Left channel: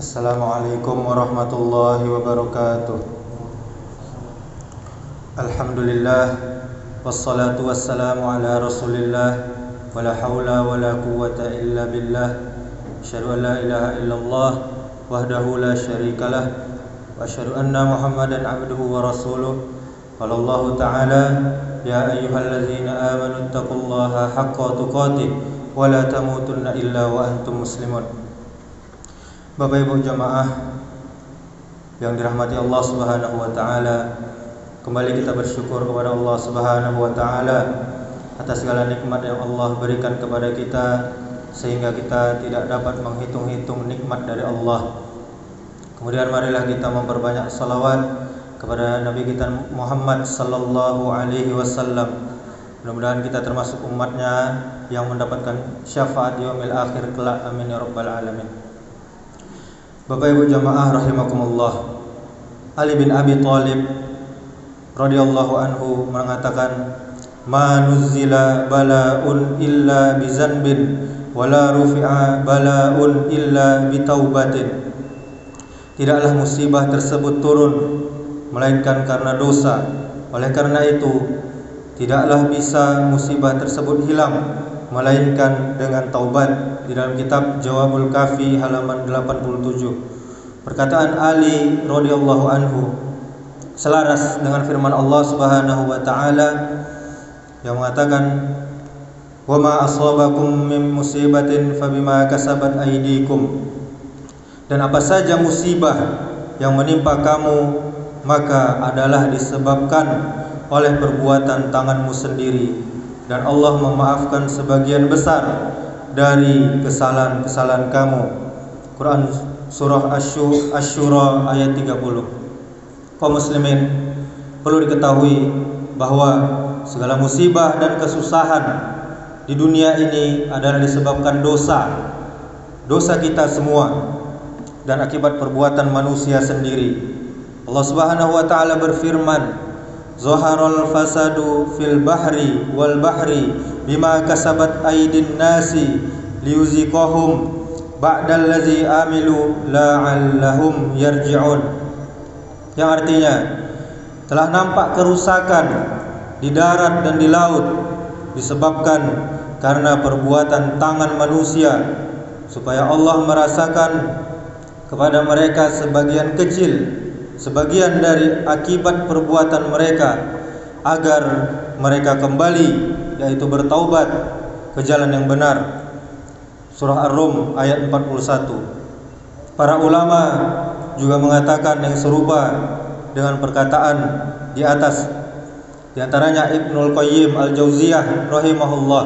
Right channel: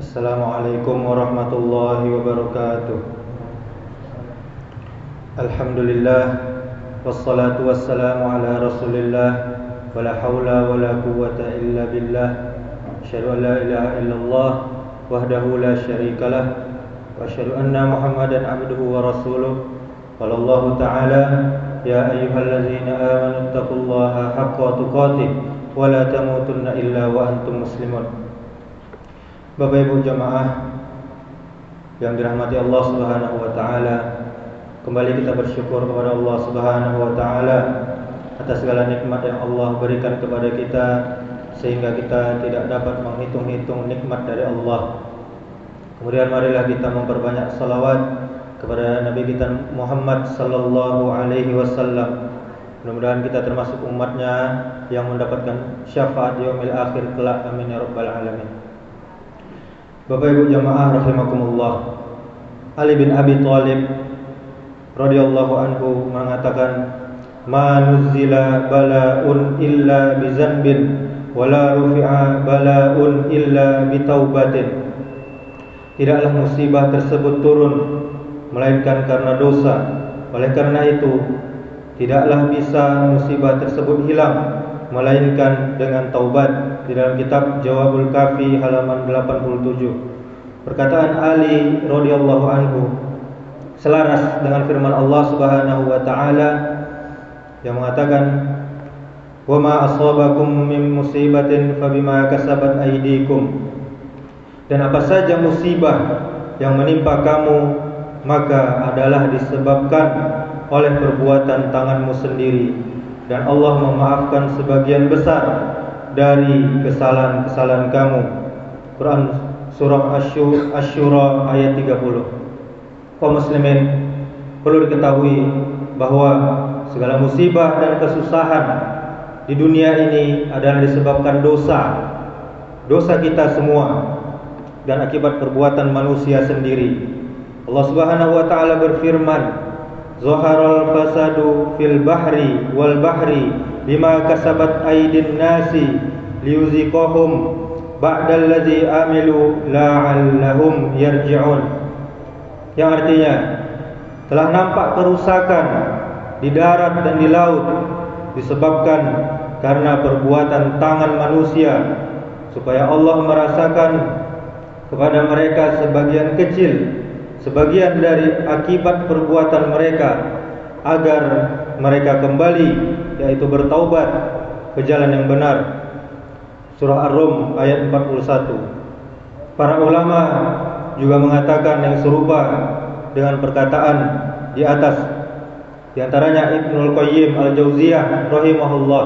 Assalamualaikum warahmatullahi wabarakatuh. Alhamdulillah, wassalatu wassalamu ala rasulillah, wala hawla wala quwwata illa billah. Asyhadu an la ilaha illallah wahdahu la syarikalah, wa asyhadu anna Muhammadan abduhu wa rasuluh. Qala Allah ta'ala, ya ayyuhallazina amanu taqullaha haqqa tuqatih wa la tamutunna illa wa antum muslimun. Bapak Ibu jamaah yang dirahmati Allah Subhanahu wa taala, kembali kita bersyukur kepada Allah Subhanahu wa taala atas segala nikmat yang Allah berikan kepada kita, sehingga kita tidak dapat menghitung-hitung nikmat dari Allah. Kemudian marilah kita memperbanyak salawat kepada Nabi kita Muhammad sallallahu alaihi wasallam. Mudah-mudahan kita termasuk umatnya yang mendapatkan syafaat yaumil akhir kelak. Amin ya rabbal alamin. Bapak Ibu jamaah rahimakumullah, Ali bin Abi Thalib radhiyallahu anhu mengatakan, "Ma nuzzila bala'un illa bi zanbin wa la rufi'a bala'un illa bi taubatin." Tidaklah musibah tersebut turun melainkan karena dosa. Oleh karena itu, tidaklah bisa musibah tersebut hilang melainkan dengan taubat. Di dalam kitab Jawabul Kafi halaman 87. Perkataan Ali radhiyallahu anhu selaras dengan firman Allah Subhanahu wa taala yang mengatakan, "Wa ma asabakum min musibatin fabima kasabat aydikum." Dan apa saja musibah yang menimpa kamu, maka adalah disebabkan oleh perbuatan tanganmu sendiri, dan Allah memaafkan sebagian besar dari kesalahan-kesalahan kamu. Quran surah Asy-Syura ayat 30. Kaum muslimin, perlu diketahui bahwa segala musibah dan kesusahan di dunia ini adalah disebabkan dosa kita semua dan akibat perbuatan manusia sendiri. Allah Subhanahu wa taala berfirman, "Zaharal fasadu fil bahri wal bahri bima kasabat aydin nasi liyuziqahum ba'dallazi amilu la'allahum yarji'un." Yang artinya, telah nampak kerusakan di darat dan di laut disebabkan karena perbuatan tangan manusia, supaya Allah merasakan kepada mereka sebagian dari akibat perbuatan mereka, agar mereka kembali, yaitu bertaubat ke jalan yang benar. Surah Ar-Rum ayat 41. Para ulama juga mengatakan yang serupa dengan perkataan di atas. Di antaranya Ibnul Qayyim Al-Jauziyah rahimahullah.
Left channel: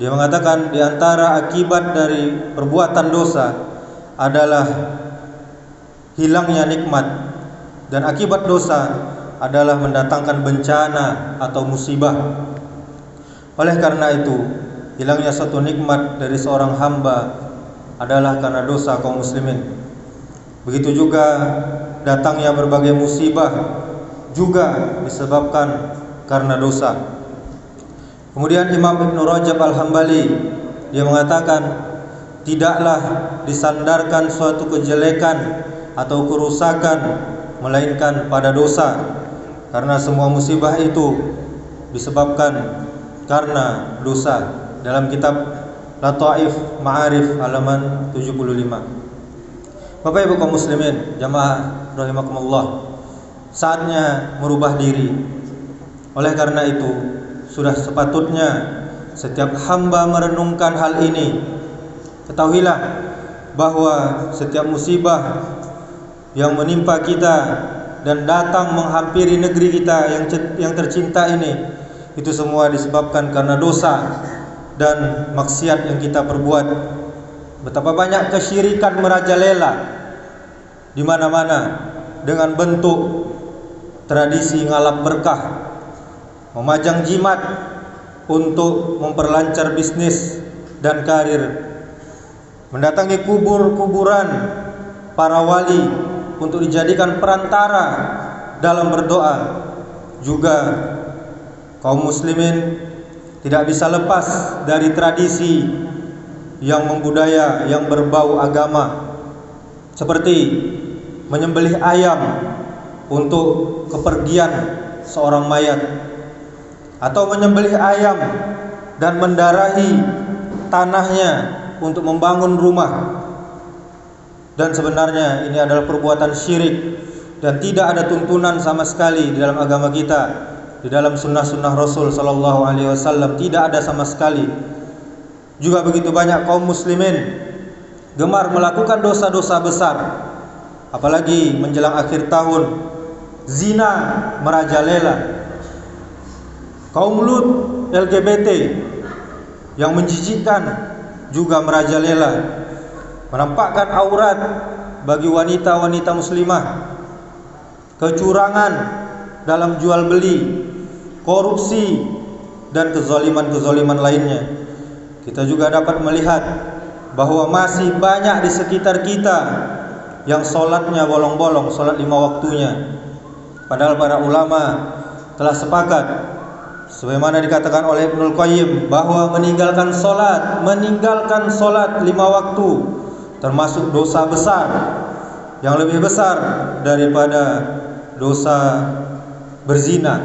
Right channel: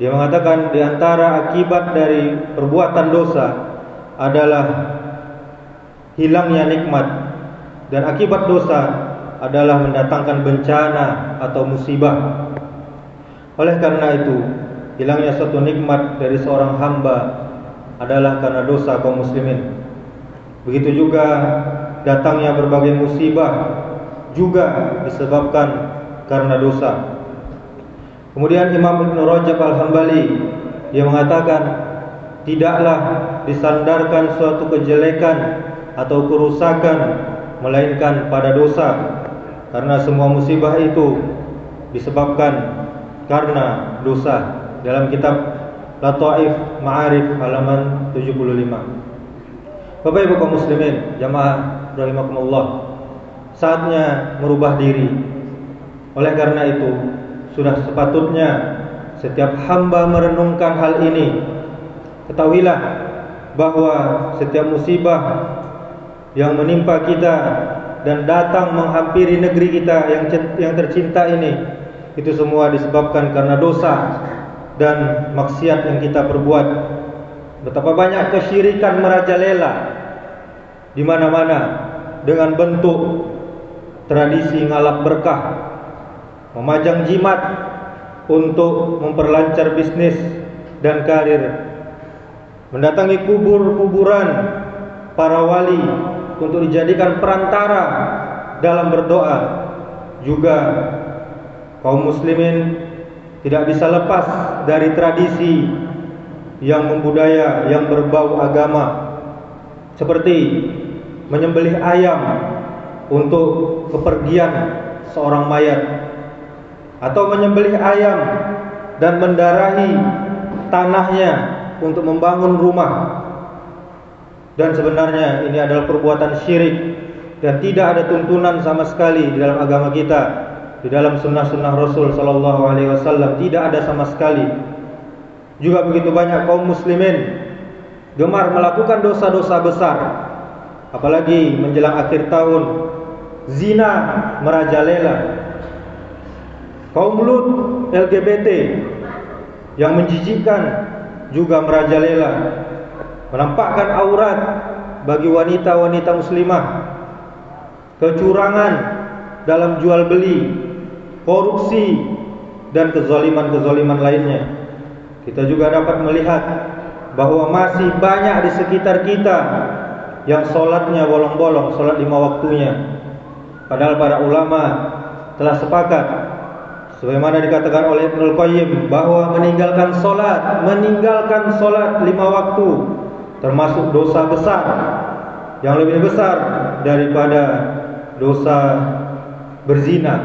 Dia mengatakan di antara akibat dari perbuatan dosa adalah hilangnya nikmat, dan akibat dosa adalah mendatangkan bencana atau musibah. Oleh karena itu, hilangnya suatu nikmat dari seorang hamba adalah karena dosa kaum muslimin. Begitu juga datangnya berbagai musibah juga disebabkan karena dosa. Kemudian Imam Ibn Rajab Al-Hambali, dia mengatakan, tidaklah disandarkan suatu kejelekan atau kerusakan melainkan pada dosa, karena semua musibah itu disebabkan karena dosa. Dalam kitab Lataif Ma'arif halaman 75. Bapak Ibu kaum muslimin jamaah rahimakumullah, saatnya merubah diri. Oleh karena itu, sudah sepatutnya setiap hamba merenungkan hal ini. Ketahuilah bahwa setiap musibah yang menimpa kita dan datang menghampiri negeri kita yang tercinta ini, itu semua disebabkan karena dosa dan maksiat yang kita perbuat. Betapa banyak kesyirikan merajalela di mana-mana dengan bentuk tradisi ngalap berkah, memajang jimat untuk memperlancar bisnis dan karir, mendatangi kuburan para wali untuk dijadikan perantara dalam berdoa. Juga kaum muslimin tidak bisa lepas dari tradisi yang membudaya, yang berbau agama. seperti menyembelih ayam untuk kepergian seorang mayat, atau menyembelih ayam dan mendarahi tanahnya untuk membangun rumah. Dan sebenarnya ini adalah perbuatan syirik dan tidak ada tuntunan sama sekali di dalam agama kita, di dalam sunnah-sunnah Rasul Sallallahu Alaihi Wasallam tidak ada sama sekali. Juga begitu banyak kaum muslimin gemar melakukan dosa-dosa besar, apalagi menjelang akhir tahun, zina merajalela. Kaum Lut, LGBT yang menjijikkan juga merajalela, menampakkan aurat bagi wanita-wanita muslimah, kecurangan dalam jual beli, korupsi, dan kezaliman-kezaliman lainnya. Kita juga dapat melihat bahwa masih banyak di sekitar kita yang sholatnya bolong-bolong, sholat 5 waktunya. Padahal para ulama telah sepakat, sebagaimana dikatakan oleh Ibnul Qayyim, bahwa meninggalkan sholat 5 waktu termasuk dosa besar, yang lebih besar daripada dosa berzina,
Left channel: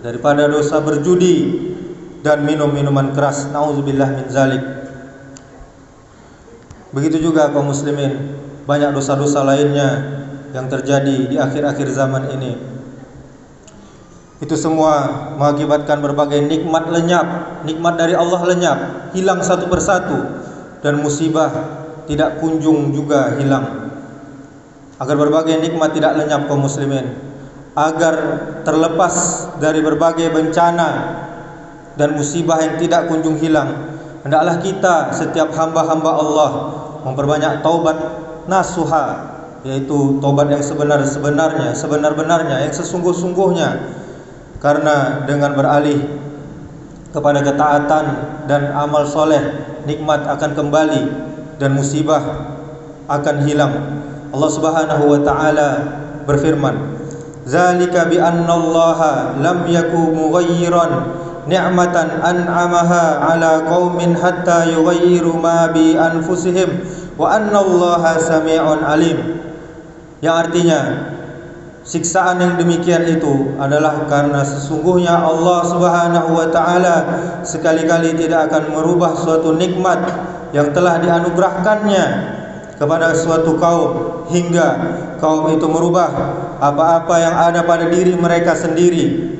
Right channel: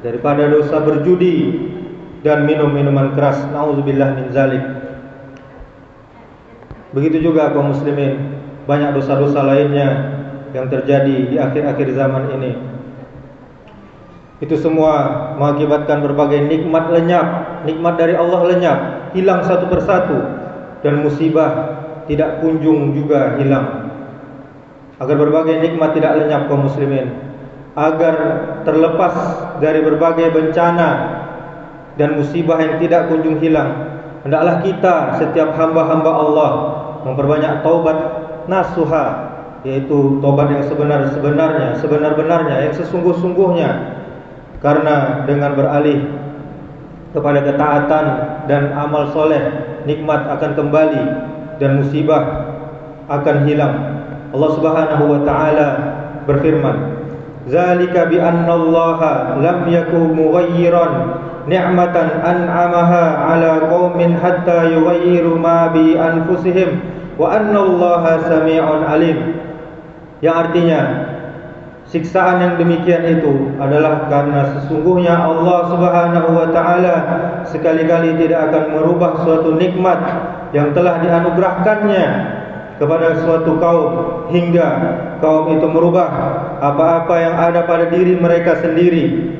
daripada dosa berjudi dan minum minuman keras. Nauzubillah min zalik. Begitu juga kaum muslimin, banyak dosa-dosa lainnya yang terjadi di akhir-akhir zaman ini. Itu semua mengakibatkan berbagai nikmat lenyap, nikmat dari Allah lenyap, hilang satu persatu, dan musibah tidak kunjung juga hilang. Agar berbagai nikmat tidak lenyap kaum muslimin, agar terlepas dari berbagai bencana dan musibah yang tidak kunjung hilang, hendaklah kita setiap hamba-hamba Allah memperbanyak taubat nasuha, yaitu taubat yang sebenar-benarnya, yang sesungguh-sungguhnya. Karena dengan beralih kepada ketaatan dan amal soleh, nikmat akan kembali dan musibah akan hilang. Allah Subhanahu wa taala berfirman, "Zalika bi annallaha lam yaku mughayyiran ni'matan an'amaha 'ala qaumin hatta yughayyiru ma bi anfusihim wa annallaha samii'un 'alim." Yang artinya, siksaan yang demikian itu adalah karena sesungguhnya Allah Subhanahu wa taala sekali-kali tidak akan merubah suatu nikmat yang telah dianugerahkannya kepada suatu kaum hingga kaum itu merubah apa-apa yang ada pada diri mereka sendiri.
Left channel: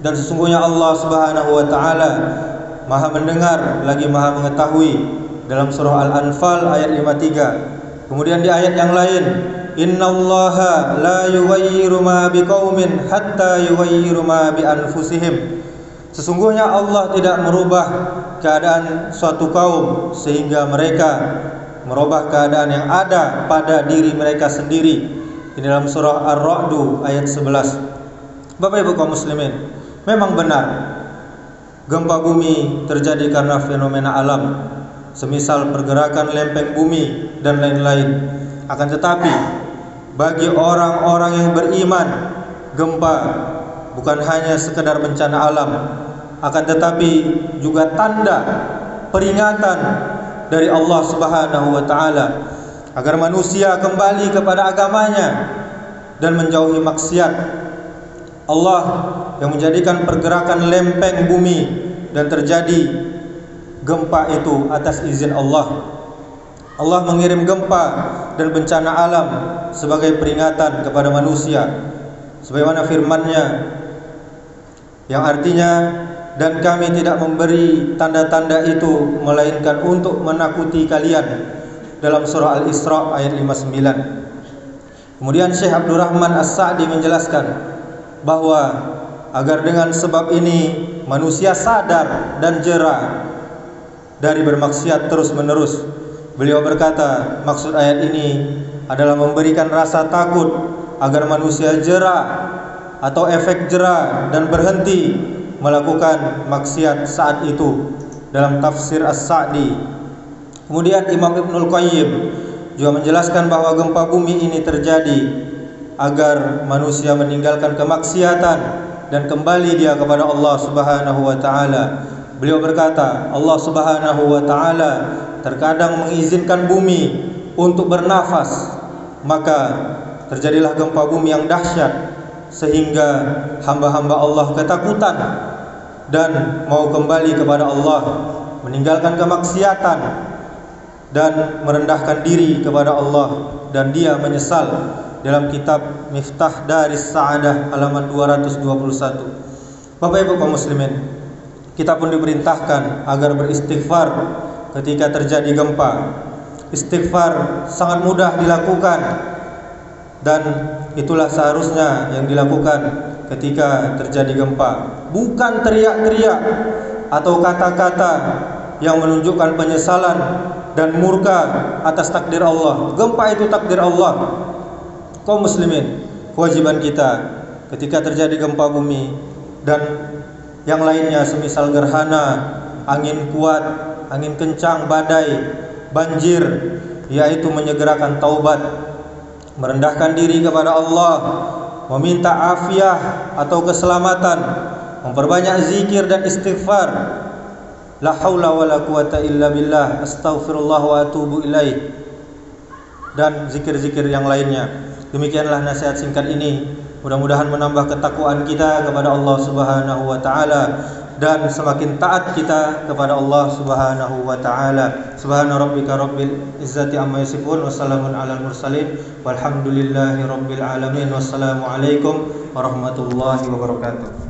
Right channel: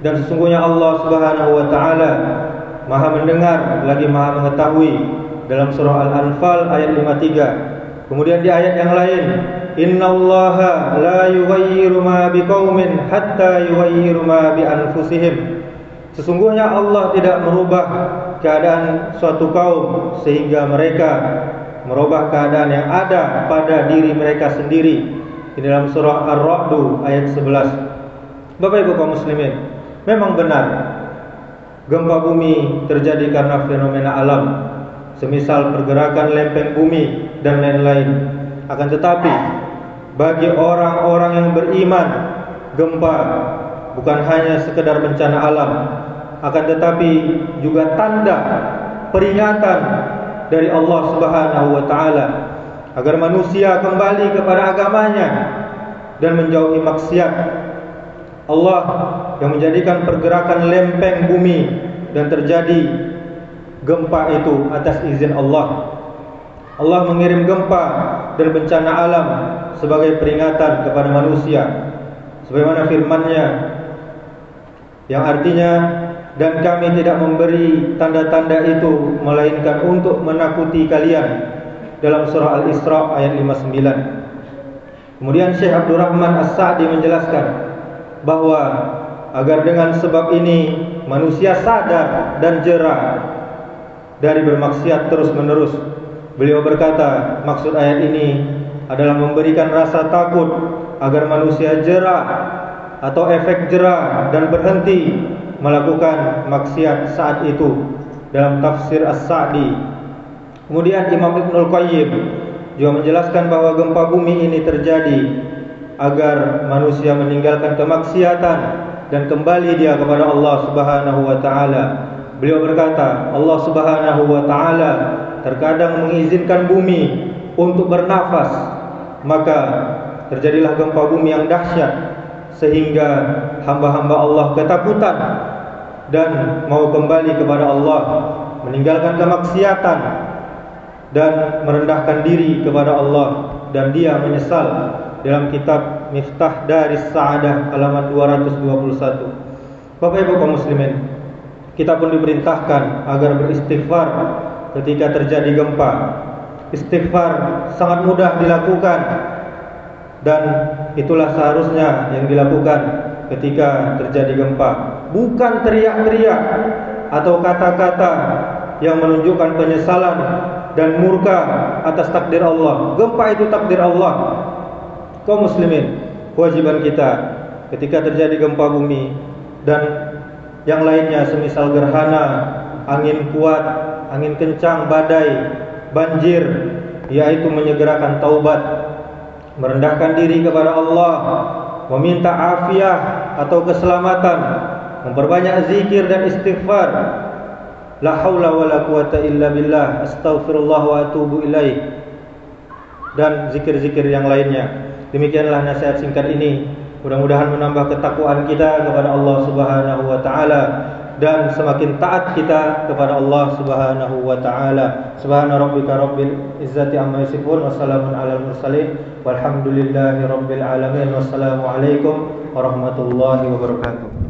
Dan sesungguhnya Allah Subhanahu wa taala Maha mendengar lagi Maha mengetahui, dalam surah Al-Anfal ayat 53. Kemudian di ayat yang lain, "Innallaha la yughayyiru ma biqaumin hatta yughayyiru ma bi anfusihim." Sesungguhnya Allah tidak merubah keadaan suatu kaum sehingga mereka merubah keadaan yang ada pada diri mereka sendiri. Di dalam surah Ar-Ra'd ayat 11. Bapak Ibu kaum muslimin, memang benar gempa bumi terjadi karena fenomena alam, semisal pergerakan lempeng bumi dan lain-lain. Akan tetapi bagi orang-orang yang beriman, gempa bukan hanya sekedar bencana alam, akan tetapi juga tanda peringatan dari Allah Subhanahu wa taala agar manusia kembali kepada agamanya dan menjauhi maksiat. Allah yang menjadikan pergerakan lempeng bumi dan terjadi gempa itu atas izin Allah. Allah mengirim gempa dan bencana alam sebagai peringatan kepada manusia, sebagaimana firman-Nya yang artinya, "Dan kami tidak memberi tanda-tanda itu melainkan untuk menakuti kalian," dalam surah Al-Isra ayat 59. Kemudian Syekh Abdurrahman As-Sa'di menjelaskan bahwa agar dengan sebab ini manusia sadar dan jera dari bermaksiat terus-menerus. Beliau berkata, maksud ayat ini adalah memberikan rasa takut agar manusia jera atau efek jera dan berhenti melakukan maksiat saat itu, dalam tafsir As-Sa'di. Kemudian Imam Ibnul Qayyim juga menjelaskan bahwa gempa bumi ini terjadi agar manusia meninggalkan kemaksiatan dan kembali dia kepada Allah Subhanahu wa taala. Beliau berkata, Allah Subhanahu wa taala terkadang mengizinkan bumi untuk bernafas maka terjadilah gempa bumi yang dahsyat sehingga hamba-hamba Allah ketakutan dan mau kembali kepada Allah, meninggalkan kemaksiatan dan merendahkan diri kepada Allah, dan dia menyesal. Dalam kitab Miftah Daris Sa'adah halaman 221. Bapak Ibu kaum muslimin, kita pun diperintahkan agar beristighfar ketika terjadi gempa. Istighfar sangat mudah dilakukan, dan itulah seharusnya yang dilakukan ketika terjadi gempa. Bukan teriak-teriak atau kata-kata yang menunjukkan penyesalan dan murka atas takdir Allah. Gempa itu takdir Allah. Kaum muslimin, kewajiban kita ketika terjadi gempa bumi dan yang lainnya semisal gerhana, angin kuat, angin kencang, badai, banjir, yaitu menyegerakan taubat, merendahkan diri kepada Allah, meminta afiah atau keselamatan, memperbanyak zikir dan istighfar. La haula wala quwata illa billah, astaghfirullah wa atubu ilaih, dan zikir-zikir yang lainnya. Demikianlah nasihat singkat ini. Mudah-mudahan menambah ketakwaan kita kepada Allah Subhanahu wa taala dan semakin taat kita kepada Allah Subhanahu wa taala. Subhana rabbika rabbil izzati amma yasifun, wassalamun alal mursalin, walhamdulillahi rabbil alamin. Wassalamu alaikum warahmatullahi wabarakatuh.